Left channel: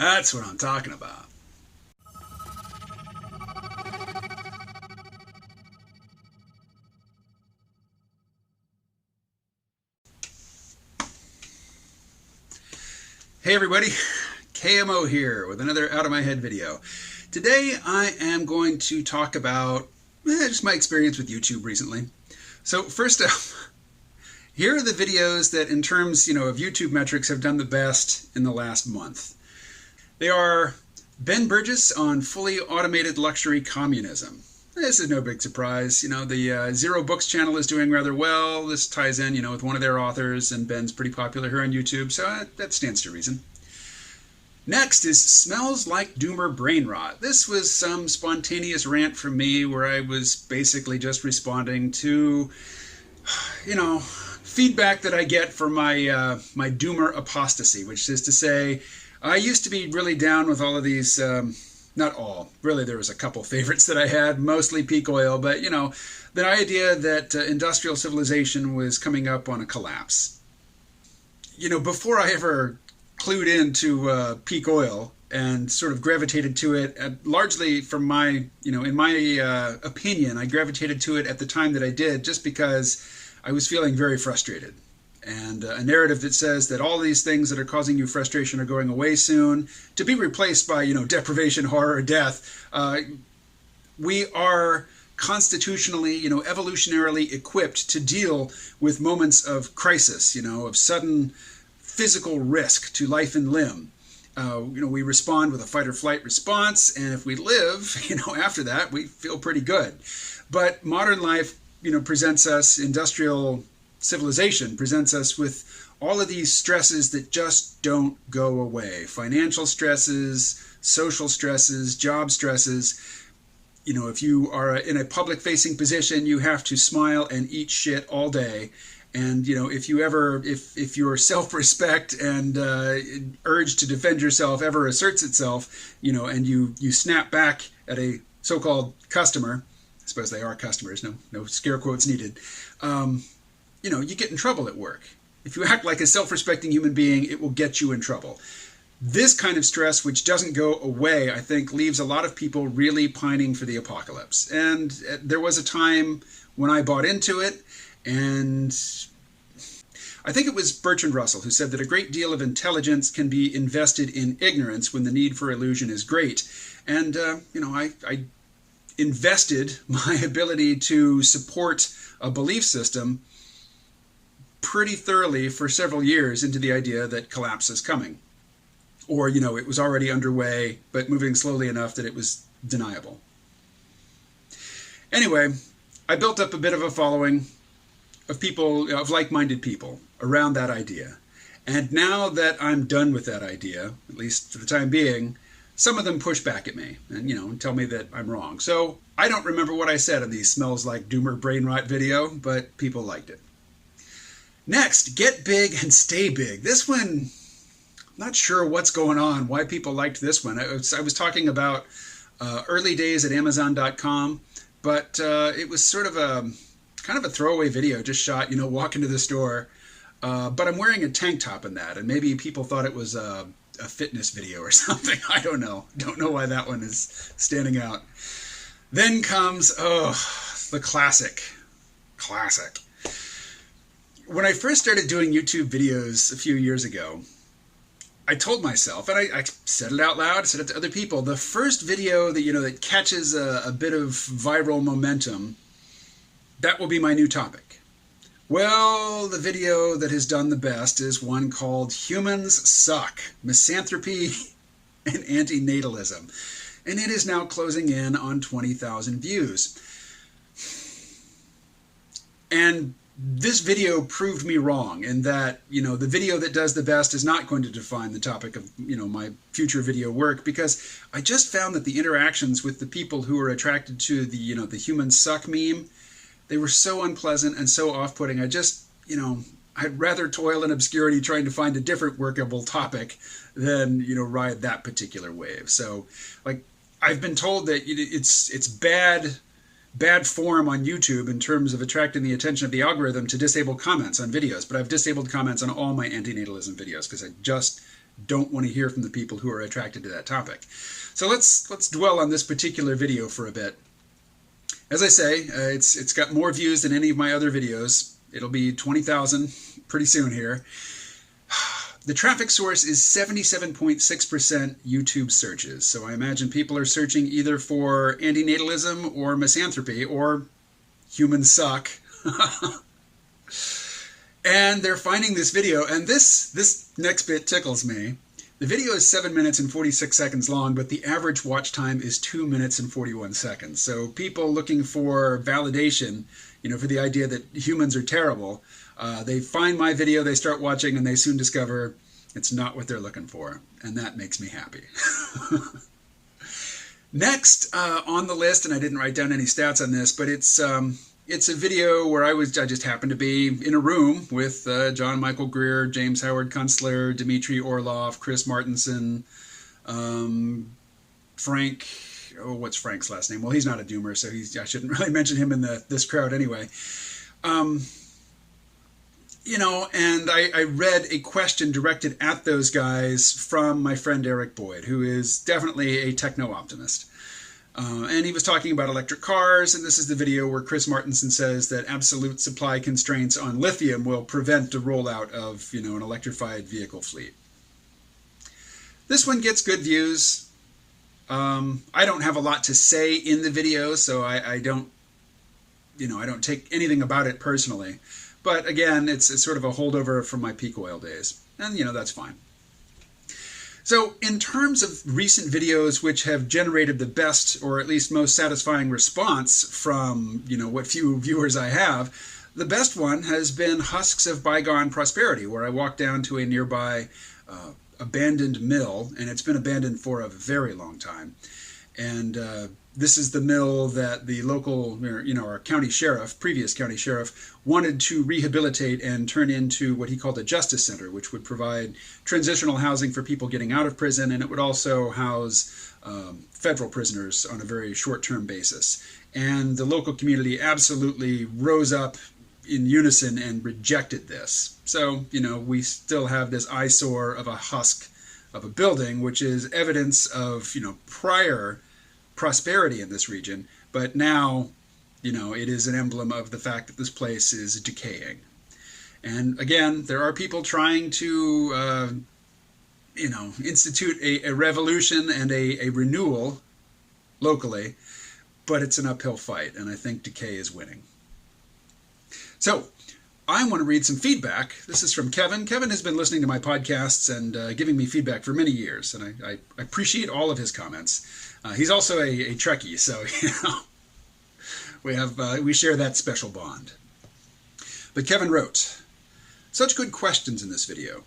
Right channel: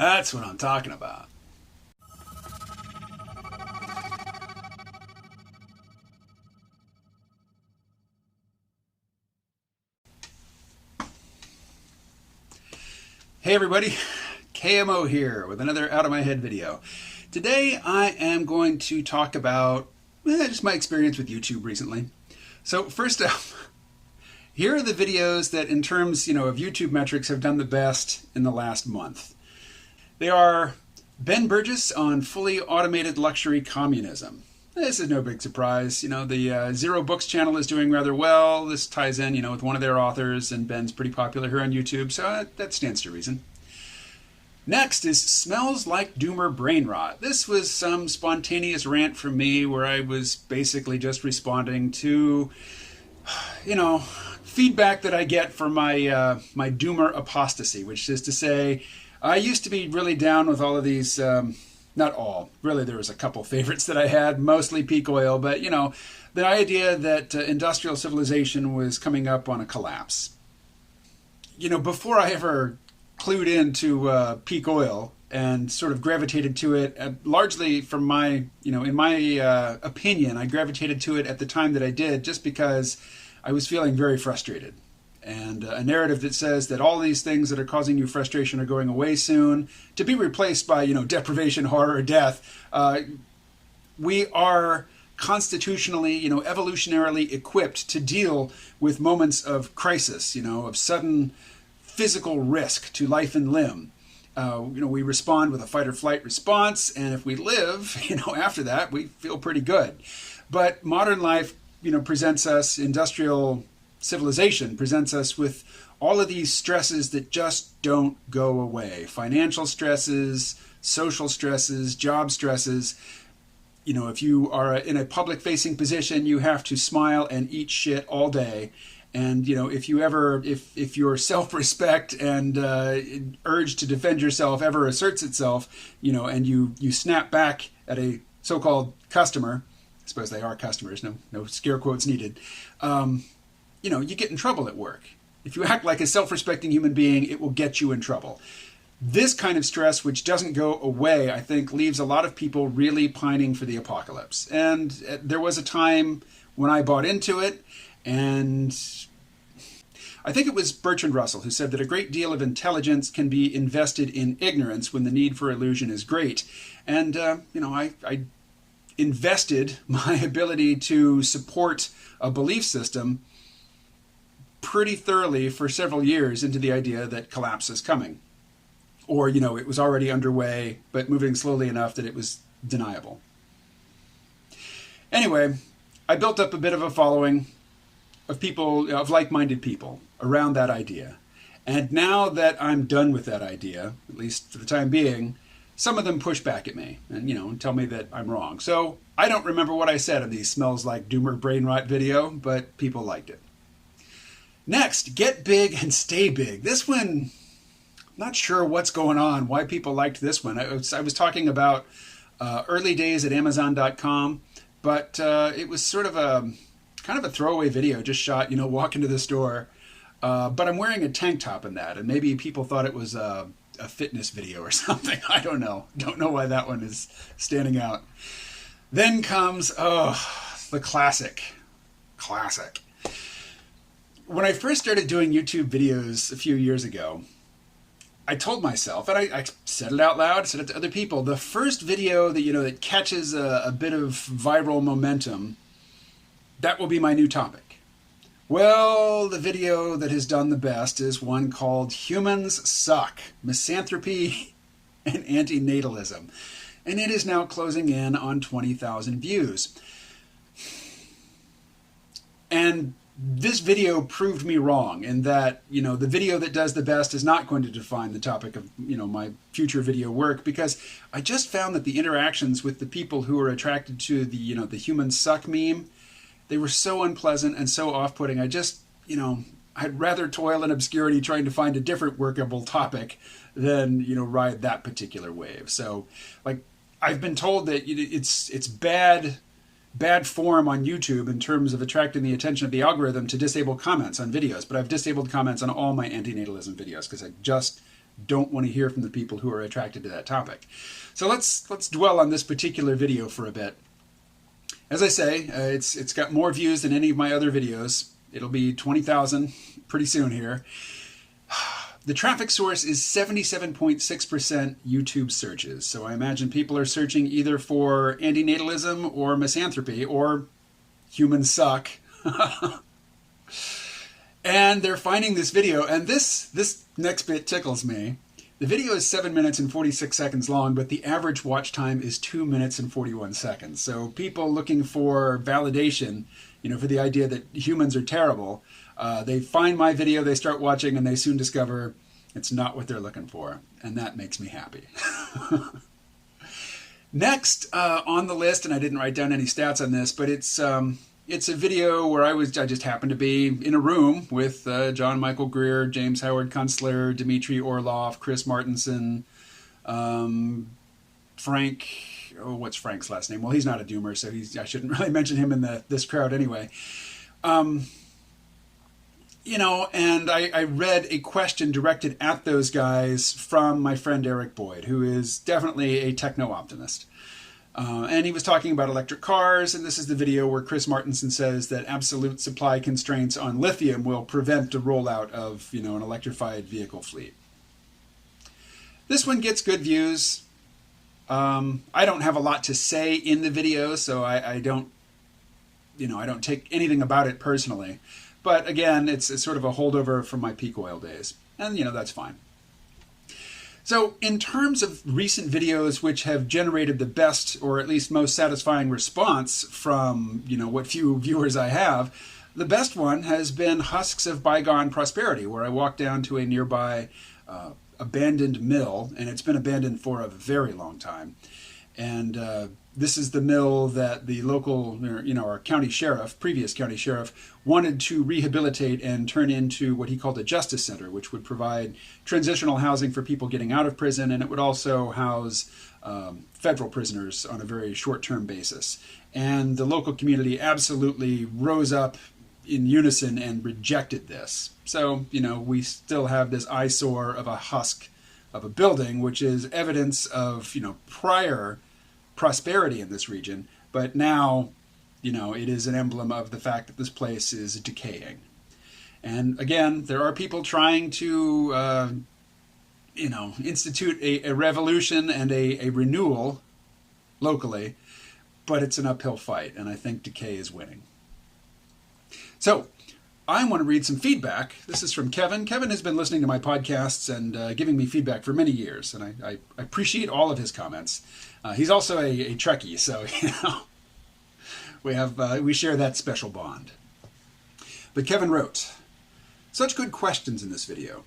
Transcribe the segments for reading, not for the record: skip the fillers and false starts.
That's what I'm talking about. Hey everybody, KMO here with another Out of My Head video. Today I am going to talk about just my experience with YouTube recently. So first up, here are the videos that in terms of YouTube metrics have done the best in the last month. They are Ben Burgess on fully automated luxury communism. This is no big surprise. The Zero Books channel is doing rather well. This ties in, with one of their authors, and Ben's pretty popular here on YouTube, so that stands to reason. Next is Smells Like Doomer Brain Rot. This was some spontaneous rant from me where I was basically just responding to, feedback that I get for my my Doomer apostasy, which is to say, I used to be really down with all of these. Not all. Really, there was a couple favorites that I had, mostly peak oil, but, the idea that industrial civilization was coming up on a collapse. Before I ever clued into peak oil and sort of gravitated to it, largely from my, in my opinion, I gravitated to it at the time that I did just because I was feeling very frustrated. And a narrative that says that all these things that are causing you frustration are going away soon, to be replaced by, deprivation, horror, death. We are constitutionally, evolutionarily equipped to deal with moments of crisis, of sudden physical risk to life and limb. We respond with a fight or flight response, and if we live, after that, we feel pretty good. But modern life, presents us, industrial civilization presents us with all of these stresses that just don't go away. Financial stresses, social stresses, job stresses. If you are in a public-facing position, you have to smile and eat shit all day. And, if your self-respect and urge to defend yourself ever asserts itself, and you snap back at a so-called customer, I suppose they are customers, no scare quotes needed, you get in trouble at work. If you act like a self-respecting human being, it will get you in trouble. This kind of stress, which doesn't go away, I think, leaves a lot of people really pining for the apocalypse. And there was a time when I bought into it, and I think it was Bertrand Russell who said that a great deal of intelligence can be invested in ignorance when the need for illusion is great. And, I invested my ability to support a belief system pretty thoroughly for several years into the idea that collapse is coming. Or, it was already underway, but moving slowly enough that it was deniable. Anyway, I built up a bit of a following of people, of like-minded people around that idea. And now that I'm done with that idea, at least for the time being, some of them push back at me and, tell me that I'm wrong. So I don't remember what I said in the Smells Like Doomer Brain Rot video, but people liked it. Next, Get Big and Stay Big. This one, I'm not sure what's going on, why people liked this one. I was talking about early days at Amazon.com, but it was sort of kind of a throwaway video, just shot, walk into the store. But I'm wearing a tank top in that, and maybe people thought it was a fitness video or something. I don't know. Don't know why that one is standing out. Then comes, the classic. When I first started doing YouTube videos a few years ago, I told myself, and I said it out loud, said it to other people, the first video that, that catches a bit of viral momentum, that will be my new topic. Well, the video that has done the best is one called Humans Suck, Misanthropy and Antinatalism. And it is now closing in on 20,000 views. And this video proved me wrong in that, the video that does the best is not going to define the topic of, my future video work, because I just found that the interactions with the people who are attracted to the, the Humans Suck meme, they were so unpleasant and so off-putting. I just, I'd rather toil in obscurity trying to find a different workable topic than, ride that particular wave. So, I've been told that it's bad form on YouTube in terms of attracting the attention of the algorithm to disable comments on videos, but I've disabled comments on all my antinatalism videos because I just don't want to hear from the people who are attracted to that topic. So let's dwell on this particular video for a bit. As I say, it's got more views than any of my other videos. It'll be 20,000 pretty soon here. The traffic source is 77.6% YouTube searches. So I imagine people are searching either for antinatalism or misanthropy or humans suck. And they're finding this video, and this next bit tickles me. The video is 7 minutes and 46 seconds long, but the average watch time is 2 minutes and 41 seconds. So people looking for validation, for the idea that humans are terrible, they find my video, they start watching, and they soon discover it's not what they're looking for. And that makes me happy. Next on the list, and I didn't write down any stats on this, but it's a video where I just happened to be in a room with John Michael Greer, James Howard Kunstler, Dmitry Orlov, Chris Martenson, Frank. Oh, what's Frank's last name? Well, he's not a doomer, so I shouldn't really mention him in this crowd anyway. And I read a question directed at those guys from my friend Eric Boyd, who is definitely a techno-optimist. And he was talking about electric cars, and this is the video where Chris Martenson says that absolute supply constraints on lithium will prevent the rollout of, an electrified vehicle fleet. This one gets good views. I don't have a lot to say in the video, so I don't take anything about it personally. But again, it's sort of a holdover from my peak oil days, and that's fine. So in terms of recent videos which have generated the best or at least most satisfying response from, what few viewers I have, the best one has been Husks of Bygone Prosperity, where I walked down to a nearby abandoned mill, and it's been abandoned for a very long time. And this is the mill that the local, our county sheriff, previous county sheriff, wanted to rehabilitate and turn into what he called a justice center, which would provide transitional housing for people getting out of prison, and it would also house federal prisoners on a very short-term basis. And the local community absolutely rose up in unison and rejected this. So, we still have this eyesore of a husk of a building, which is evidence of, prior prosperity in this region, but now, it is an emblem of the fact that this place is decaying. And again, there are people trying to, institute a revolution and a renewal locally, but it's an uphill fight, and I think Decay is winning. So, I want to read some feedback. This is from Kevin. Kevin has been listening to my podcasts and giving me feedback for many years, and I appreciate all of his comments. He's also a Trekkie, so we share that special bond. But Kevin wrote, "Such good questions in this video.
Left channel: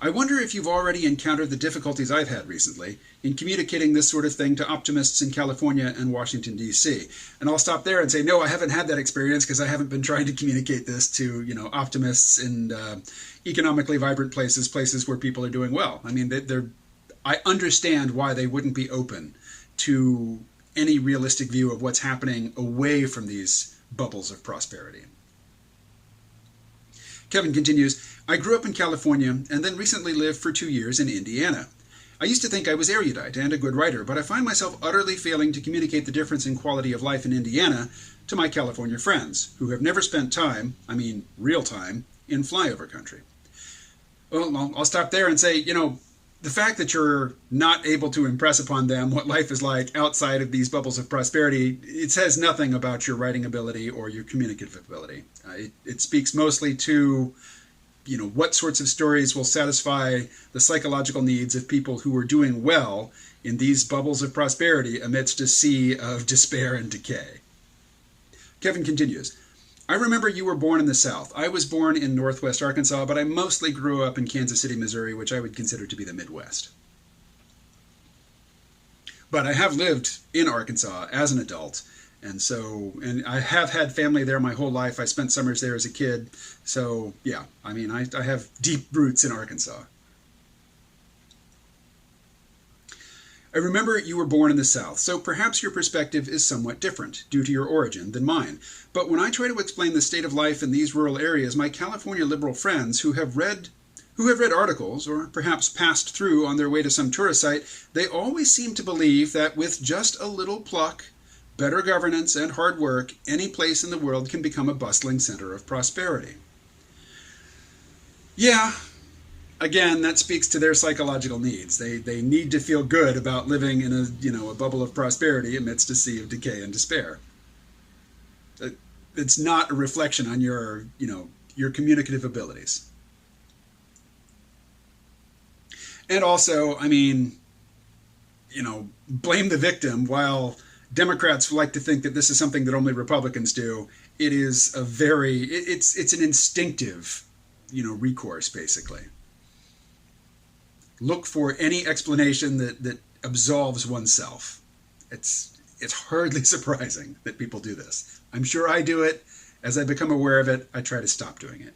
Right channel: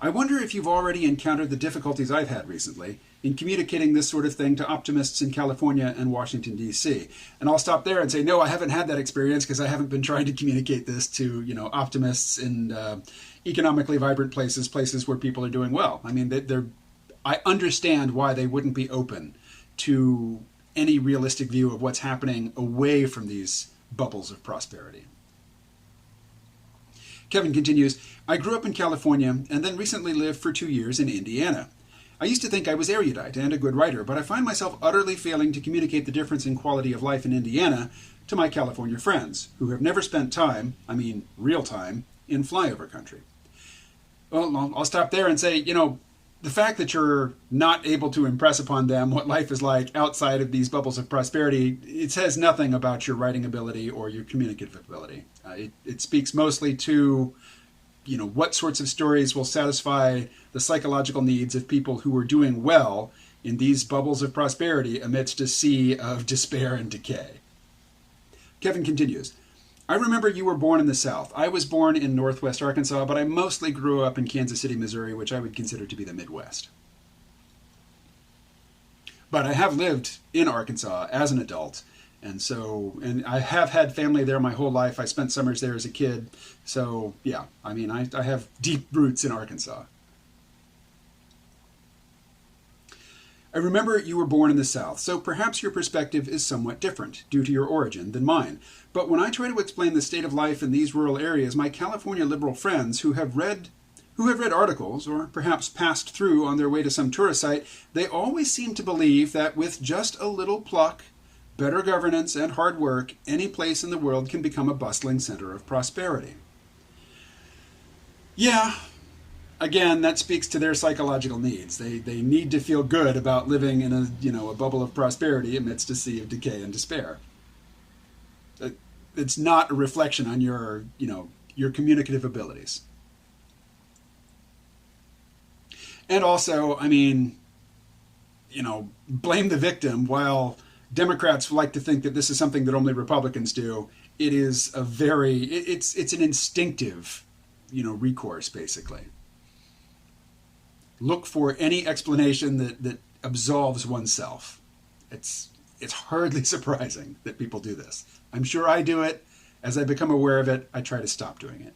I wonder if you've already encountered the difficulties I've had recently in communicating this sort of thing to optimists in California and Washington, D.C. And I'll stop there and say, no, I haven't had that experience because I haven't been trying to communicate this to, optimists in economically vibrant places where people are doing well. I mean, I understand why they wouldn't be open to any realistic view of what's happening away from these bubbles of prosperity." Kevin continues, "I grew up in California and then recently lived for 2 years in Indiana. I used to think I was erudite and a good writer, but I find myself utterly failing to communicate the difference in quality of life in Indiana to my California friends, who have never spent time, real time, in flyover country." Well, I'll stop there and say, the fact that you're not able to impress upon them what life is like outside of these bubbles of prosperity, it says nothing about your writing ability or your communicative ability. It speaks mostly to, what sorts of stories will satisfy the psychological needs of people who are doing well in these bubbles of prosperity amidst a sea of despair and decay. Kevin continues, "I remember you were born in the South. I was born in Northwest Arkansas, but I mostly grew up in Kansas City, Missouri, which I would consider to be the Midwest. But I have lived in Arkansas as an adult, and I have had family there my whole life. I spent summers there as a kid. So, yeah, I have deep roots in Arkansas. I remember you were born in the South, so perhaps your perspective is somewhat different, due to your origin, than mine. But when I try to explain the state of life in these rural areas, my California liberal friends who have read who have read articles or perhaps passed through on their way to some tourist site, they always seem to believe that with just a little pluck, better governance, and hard work, any place in the world can become a bustling center of prosperity. Yeah, again, that speaks to their psychological needs. They need to feel good about living in a bubble of prosperity amidst a sea of decay and despair. It's not a reflection on your communicative abilities. And also, blame the victim. While Democrats like to think that this is something that only Republicans do, it is it's an instinctive, recourse, basically. Look for any explanation that absolves oneself. It's hardly surprising that people do this. I'm sure I do it. As I become aware of it, I try to stop doing it.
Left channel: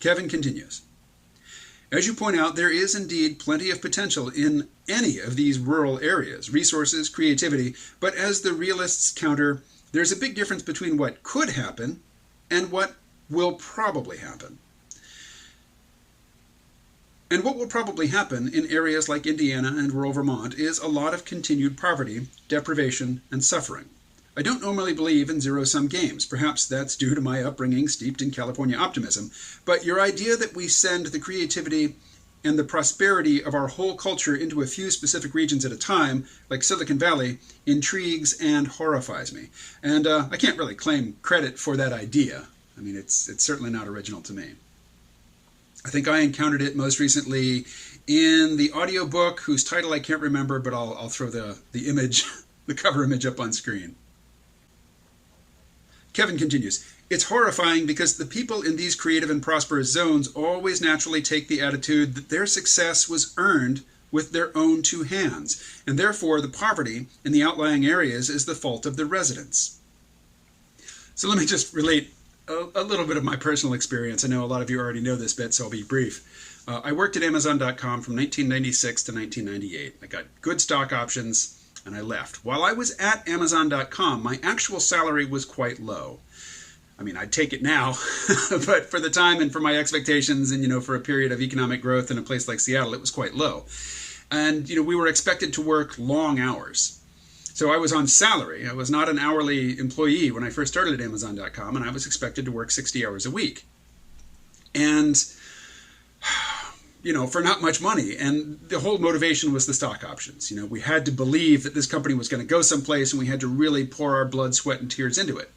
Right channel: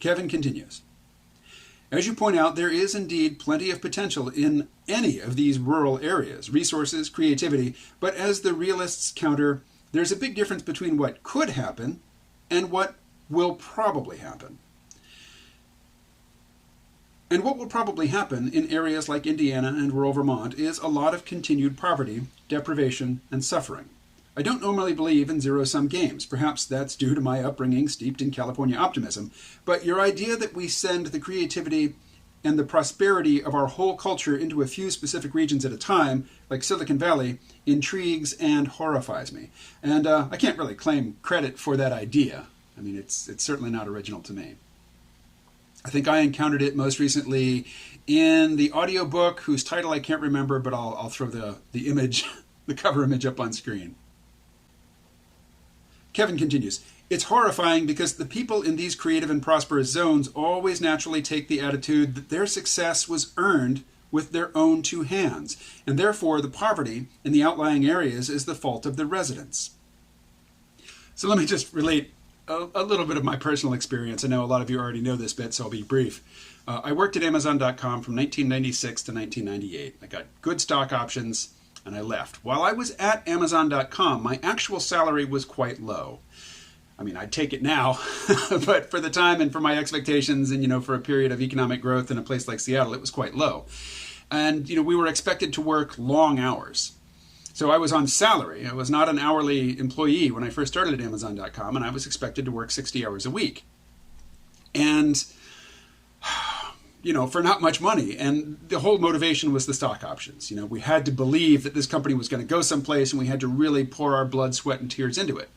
Kevin continues. As you point out, there is indeed plenty of potential in any of these rural areas, resources, creativity, but as the realists counter, there's a big difference between what could happen and what will probably happen. And what will probably happen in areas like Indiana and rural Vermont is a lot of continued poverty, deprivation, and suffering. I don't normally believe in zero-sum games. Perhaps that's due to my upbringing steeped in California optimism. But your idea that we send the creativity and the prosperity of our whole culture into a few specific regions at a time, like Silicon Valley, intrigues and horrifies me. And I can't really claim credit for that idea. It's certainly not original to me. I think I encountered it most recently in the audiobook, whose title I can't remember, but I'll throw the image, the cover image up on screen. Kevin continues, it's horrifying because the people in these creative and prosperous zones always naturally take the attitude that their success was earned with their own two hands, and therefore the poverty in the outlying areas is the fault of the residents. So let me just relate a little bit of my personal experience. I know a lot of you already know this bit, so I'll be brief. I worked at Amazon.com from 1996 to 1998. I got good stock options, and I left. While I was at Amazon.com, my actual salary was quite low. I'd take it now, but for the time and for my expectations and, for a period of economic growth in a place like Seattle, it was quite low. And, we were expected to work long hours. So I was on salary. I was not an hourly employee when I first started at Amazon.com, and I was expected to work 60 hours a week. And, for not much money. And the whole motivation was the stock options. We had to believe that this company was going to go someplace, and we had to really pour our blood, sweat, and tears into it.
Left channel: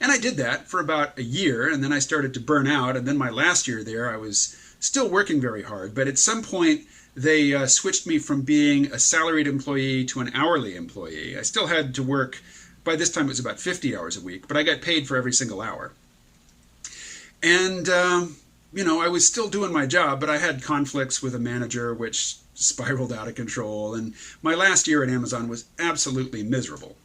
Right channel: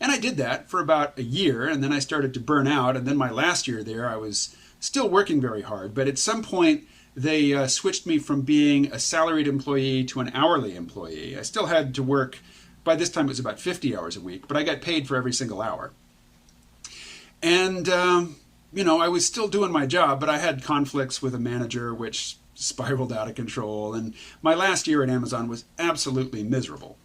And I did that for about a year, and then I started to burn out. And then my last year there, I was still working very hard. But at some point, they switched me from being a salaried employee to an hourly employee. I still had to work, by this time it was about 50 hours a week, but I got paid for every single hour. And, I was still doing my job, but I had conflicts with a manager which spiraled out of control. And my last year at Amazon was absolutely miserable.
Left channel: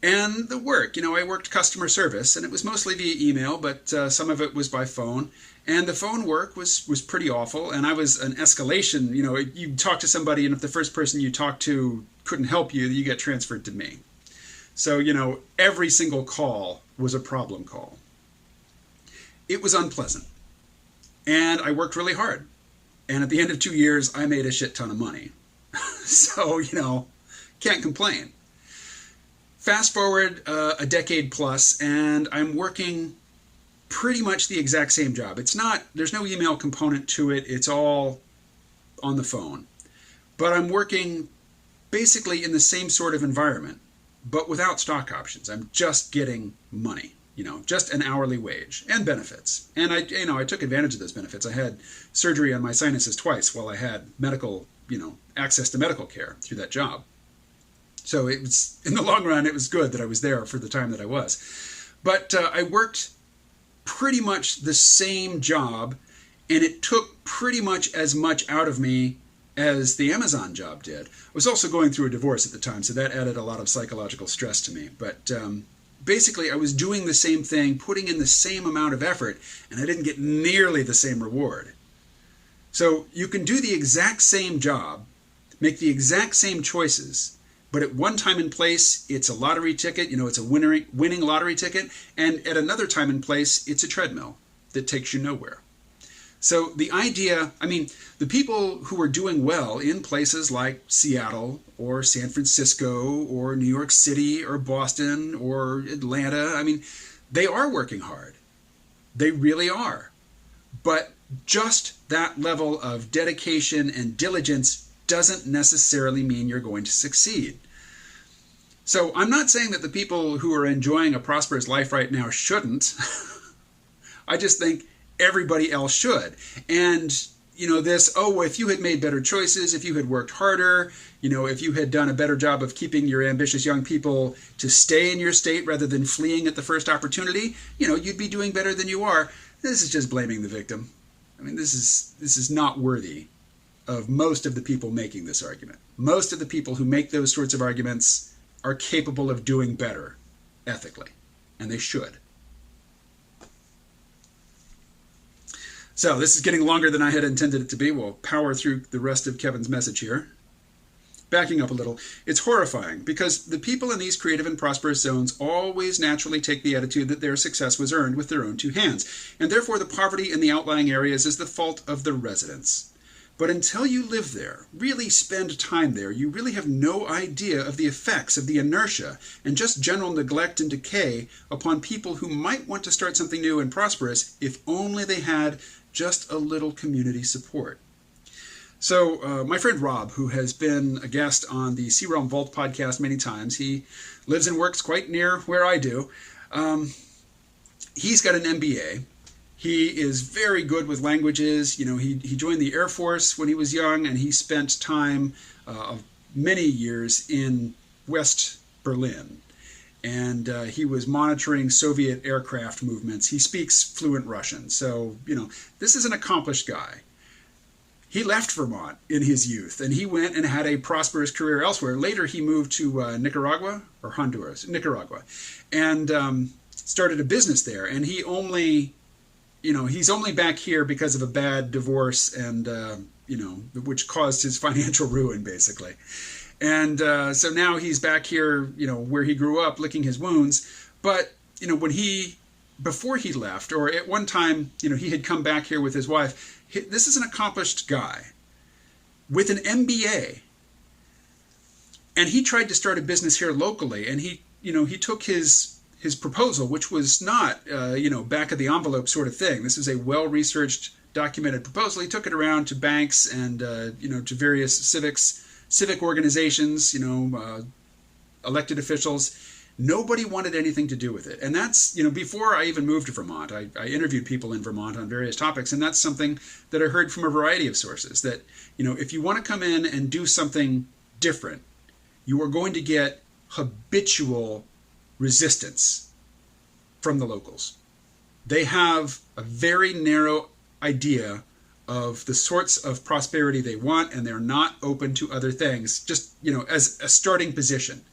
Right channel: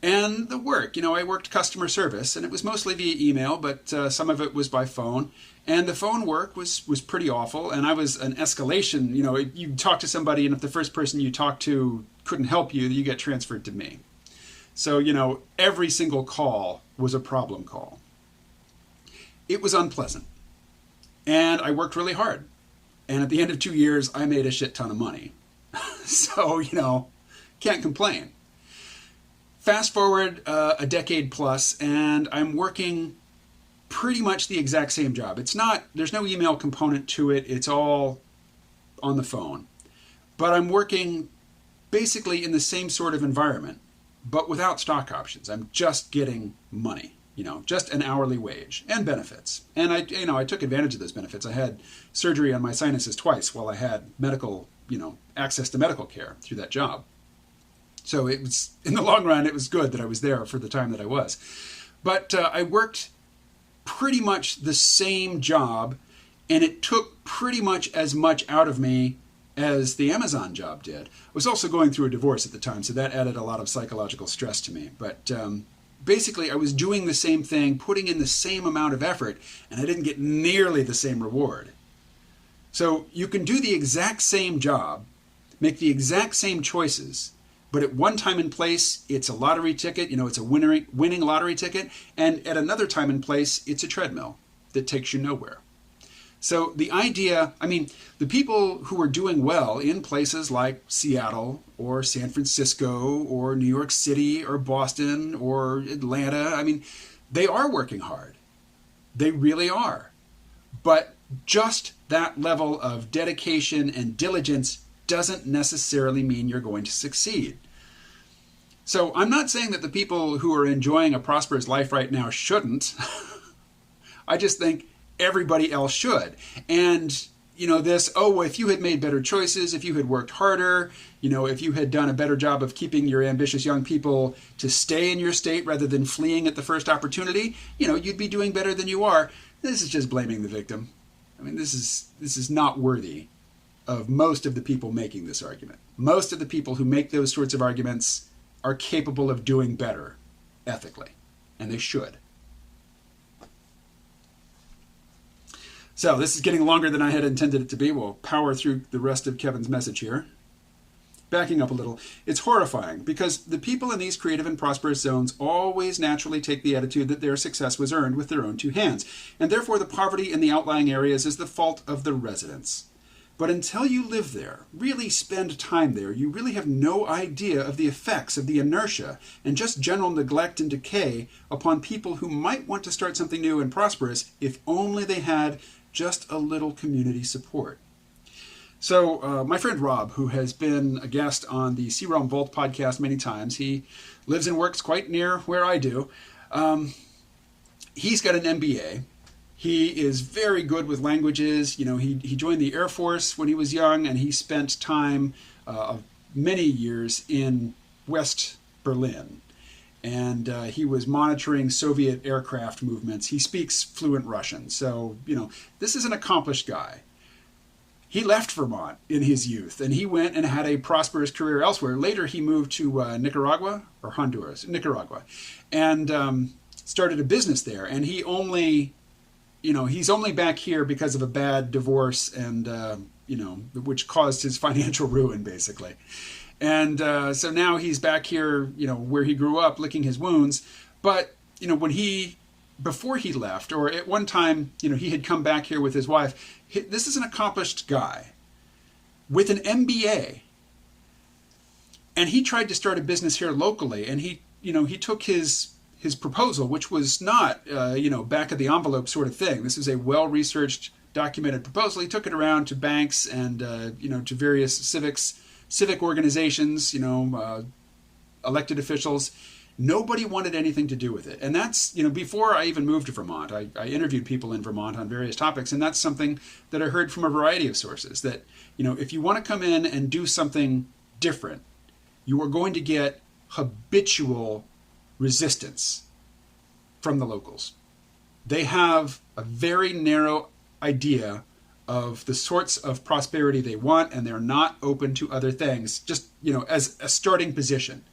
And the work, I worked customer service, and it was mostly via email, but some of it was by phone. And the phone work was pretty awful, and I was an escalation. You talk to somebody, and if the first person you talk to couldn't help you, you get transferred to me. So, every single call was a problem call. It was unpleasant. And I worked really hard. And at the end of 2 years, I made a shit ton of money. So, can't complain. Fast forward a decade plus, and I'm working pretty much the exact same job. There's no email component to it. It's all on the phone. But I'm working basically in the same sort of environment, but without stock options. I'm just getting money, just an hourly wage and benefits. And I took advantage of those benefits. I had surgery on my sinuses twice while I had medical, access to medical care through that job. So it was, in the long run, it was good that I was there for the time that I was. But I worked pretty much the same job, and it took pretty much as much out of me as the Amazon job did. I was also going through a divorce at the time, so that added a lot of psychological stress to me. But basically, I was doing the same thing, putting in the same amount of effort, and I didn't get nearly the same reward. So you can do the exact same job, make the exact same choices, but at one time and place, it's a lottery ticket, it's a winning lottery ticket, and at another time and place, it's a treadmill that takes you nowhere. So the idea, I mean, the people who are doing well in places like Seattle or San Francisco or New York City or Boston or Atlanta, I mean, they are working hard. They really are. But just that level of dedication and diligence doesn't necessarily mean you're going to succeed. So I'm not saying that the people who are enjoying a prosperous life right now shouldn't. I just think everybody else should. And, if you had made better choices, if you had worked harder, if you had done a better job of keeping your ambitious young people to stay in your state rather than fleeing at the first opportunity, you'd be doing better than you are. This is just blaming the victim. I mean, this is not worthy of most of the people making this argument. Most of the people who make those sorts of arguments are capable of doing better ethically, and they should. So this is getting longer than I had intended it to be. We'll power through the rest of Kevin's message here. Backing up a little, it's horrifying because the people in these creative and prosperous zones always naturally take the attitude that their success was earned with their own two hands, and therefore the poverty in the outlying areas is the fault of the residents. But until you live there, really spend time there, you really have no idea of the effects of the inertia and just general neglect and decay upon people who might want to start something new and prosperous if only they had just a little community support. So my friend Rob, who has been a guest on the Sea Realm Vault podcast many times, he lives and works quite near where I do. He's got an MBA. He is very good with languages. He joined the Air Force when he was young, and he spent time of many years in West Berlin. And he was monitoring Soviet aircraft movements. He speaks fluent Russian. So, this is an accomplished guy. He left Vermont in his youth, and he went and had a prosperous career elsewhere. Later, he moved to Nicaragua, and started a business there. And he only, he's only back here because of a bad divorce and, which caused his financial ruin, basically. And so now he's back here, where he grew up, licking his wounds. But, before he left, or at one time, he had come back here with his wife. This is an accomplished guy with an MBA. And he tried to start a business here locally. And he took his proposal, which was not, back of the envelope sort of thing. This is a well-researched, documented proposal. He took it around to banks and, to various civic organizations, elected officials. Nobody wanted anything to do with it. And that's, before I even moved to Vermont, I interviewed people in Vermont on various topics. And that's something that I heard from a variety of sources, that, if you want to come in and do something different, you are going to get habitual resistance from the locals. They have a very narrow idea of the sorts of prosperity they want, and they're not open to other things, just, as a starting position.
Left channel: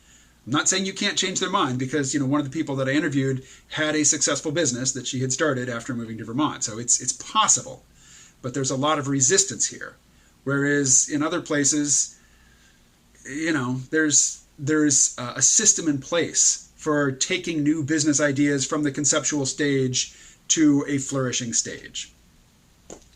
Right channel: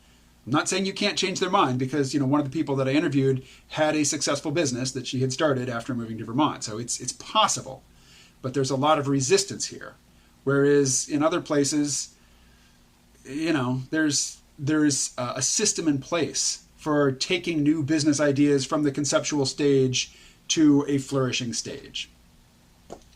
I'm not saying you can't change their mind, because, one of the people that I interviewed had a successful business that she had started after moving to Vermont. So it's possible, but there's a lot of resistance here. Whereas in other places, there's a system in place for taking new business ideas from the conceptual stage to a flourishing stage.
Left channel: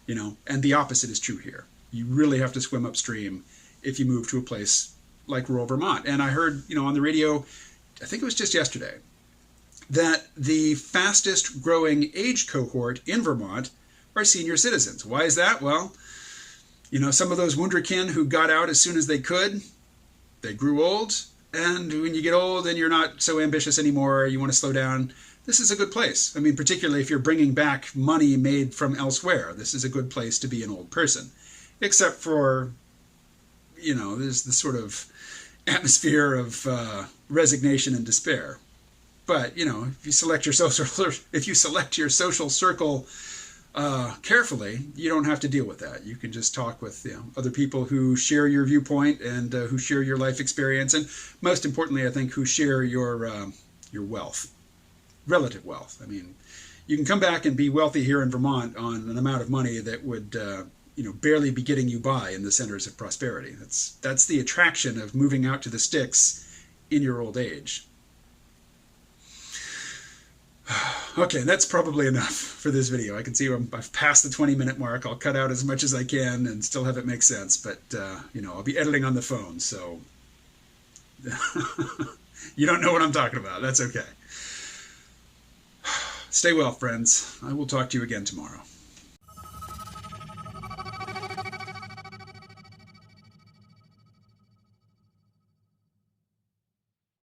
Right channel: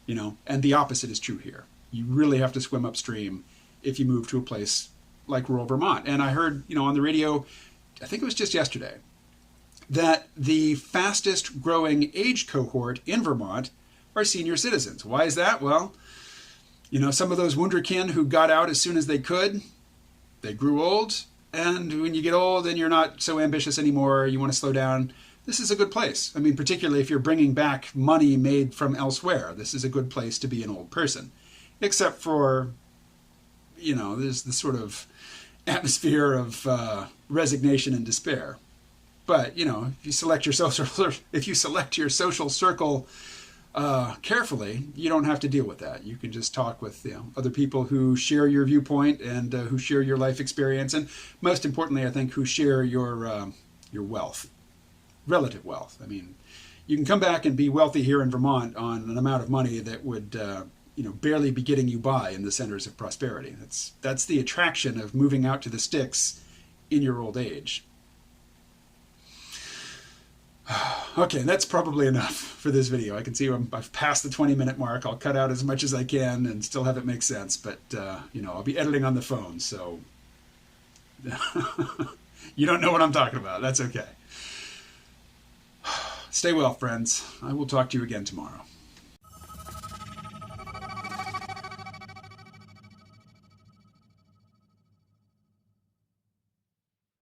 And the opposite is true here. You really have to swim upstream if you move to a place like rural Vermont. And I heard, on the radio, I think it was just yesterday, that the fastest growing age cohort in Vermont are senior citizens. Why is that? Well, some of those wunderkind who got out as soon as they could, they grew old. And when you get old and you're not so ambitious anymore, you want to slow down, this is a good place. I mean, particularly if you're bringing back money made from elsewhere, this is a good place to be an old person. Except for, there's this sort of atmosphere of resignation and despair. But, if you select your social circle carefully, you don't have to deal with that. You can just talk with other people who share your viewpoint and who share your life experience, and most importantly, I think, who share your wealth. Relative wealth. I mean, you can come back and be wealthy here in Vermont on an amount of money that would, barely be getting you by in the centers of prosperity. That's the attraction of moving out to the sticks in your old age. Okay, that's probably enough for this video. I can see I've passed the 20-minute mark. I'll cut out as much as I can and still have it make sense. But, I'll be editing on the phone, so you don't know what I'm talking about. That's okay. Stay well, friends. I will talk to you again tomorrow.